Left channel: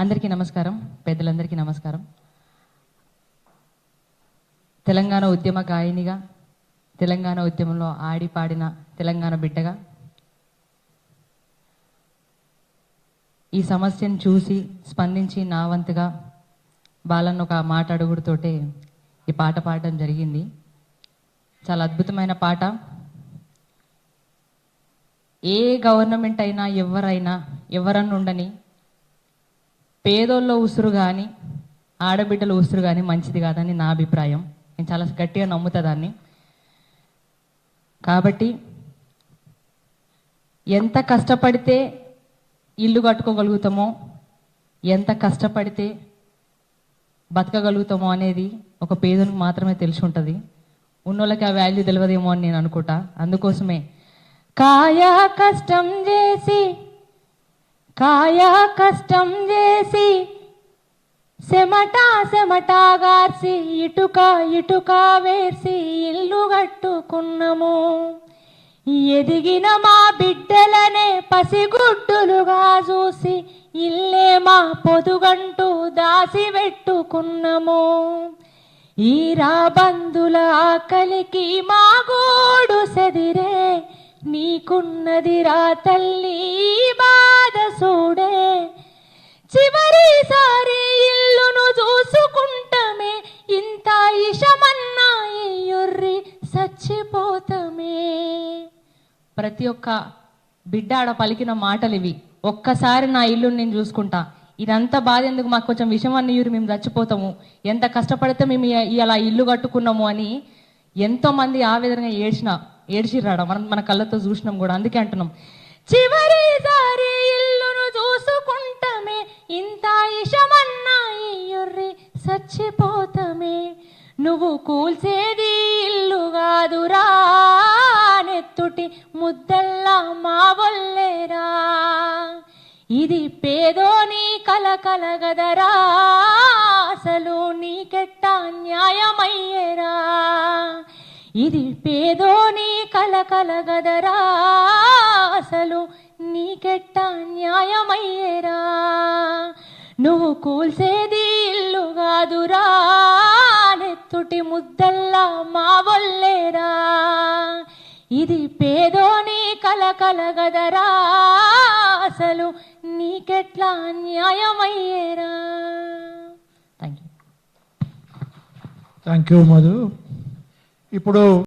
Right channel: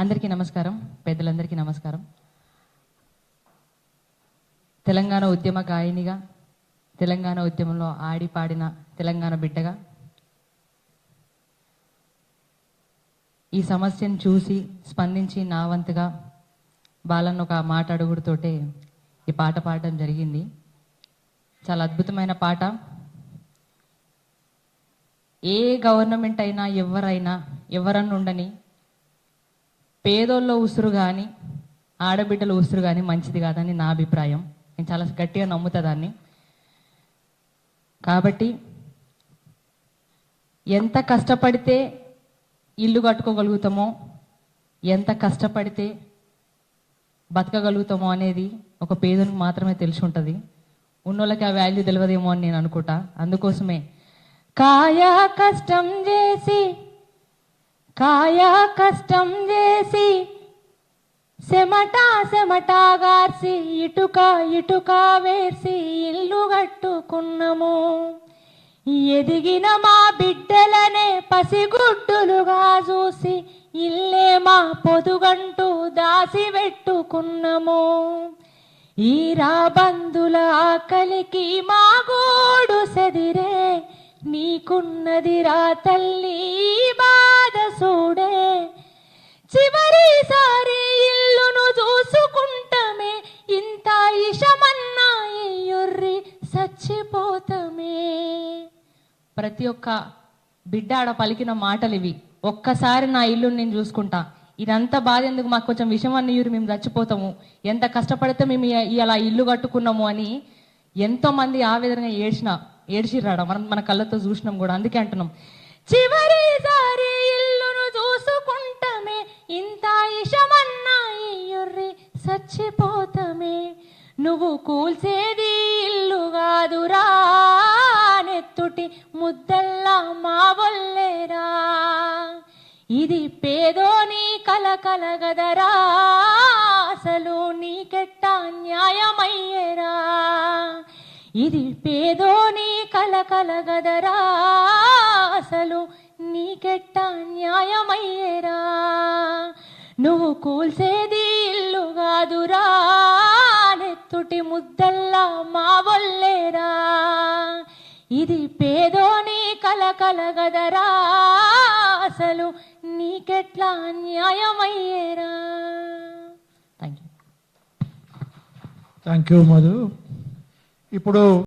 అందరికీ నమస్కారం, పెద్దలందరికీ నమస్కారం. తెలంగాణ ఉద్యమ గాయనిగా, తెలంగాణ ఉద్యమంలో ఆడి పాడిన తెలంగాణ బిడ్డగా ఈ సమస్యను చూసి స్పందించి నా వంతుగా బాలన్న ఒక మాట అడుగుడుతోటే ఈ పాట పాడడం జరిగింది. చాలా అద్భుతమైన పాట. ఏ గవర్నమెంట్ అయినా ఎవరన్నా ఉండని పేదోళ్ళ ఉసురు కానీ ఆడబిడ్డల ఉసురు కానీ మంచిది కాదని నా అభిప్రాయం. నేను చాలా గట్టిగా నమ్ముతా దాన్ని. కాబట్టి ఎంత కష్టపడితే ఇల్లు కట్టుకోగలుగుతామో, ఎంత కష్టపడితే బతకగలుగుతామో అనేది ఒక పేదలకు మాత్రమే తెలిసి ఉంటుంది. ఉన్నోళ్ళకి ఆ వాల్యూ తెలియదేమో అని నేను అనుకుంటా. అందుకోసమే కాయా కష్టం చేసి సెమటా గార్సి ఇటుక వేసి ఇల్లు కట్టుకున్నాము. ఎదిగిన మా బిడ్డలనే పసిగుడ్డులుగా చూసి ఇల్లే మా పొదుగంటూ దాసి పెట్టుకున్నాము. ఈ రాబందుల ఆకలికి మా గోడు సెదిరే, నీకున్నది రా తల్లి బాధ చూడే. చివరిసారి ఇల్లును చూసుకుంటమే, ఇంత ఇషమన్నా ఇయ్యుర్రి చచ్చిపోతమే. ప్రతి ఒక్క బిడ్డ ఆడ పలికిన మాటలు ఇవి. ఒక్కసారి నా ఇల్లు నేను చూసుకుంటా, ఇదంతా బాధ ఎందుకు, మాకు కొంచెం విషం అన్నయ్యూరు, మేము చచ్చిపోతాము, ఎంత కష్టపడితే మేము ఇలా ఇల్లు కట్టుకున్నాము అని ఎంతో మంది ఆ విధంగా ఏడ్చిరాడ. మన కళ్ళతో చూసినాం కూడా. అందుకే అంటున్నాం, చివరిసారి ఇల్లును చూసుకుంటమే, ఇంత ఇషమన్నా ఇయ్యుర్రి చచ్చిపోతమే. నువ్వు కూల్చేది ఇల్లు కాదురా, నెత్తుటి ముద్దల్లా మా వల్లేరా. ఇది పేదోని కలగదరా, అసలు నీకెట్టా న్యాయమయ్యేరా. ఇది పేదోని కలగదరా, అసలు నీకెట్టా న్యాయమయ్యేరా. నువ్వు కూల్చేది ఇల్లు కాదురా, నెత్తుటి ముద్దల్లా మా వల్లేరా. ఇది పేదోని కలగదరా, అసలు నీకెట్లా న్యాయమయ్యేరా. Thank you Madhu. ఇప్పుడు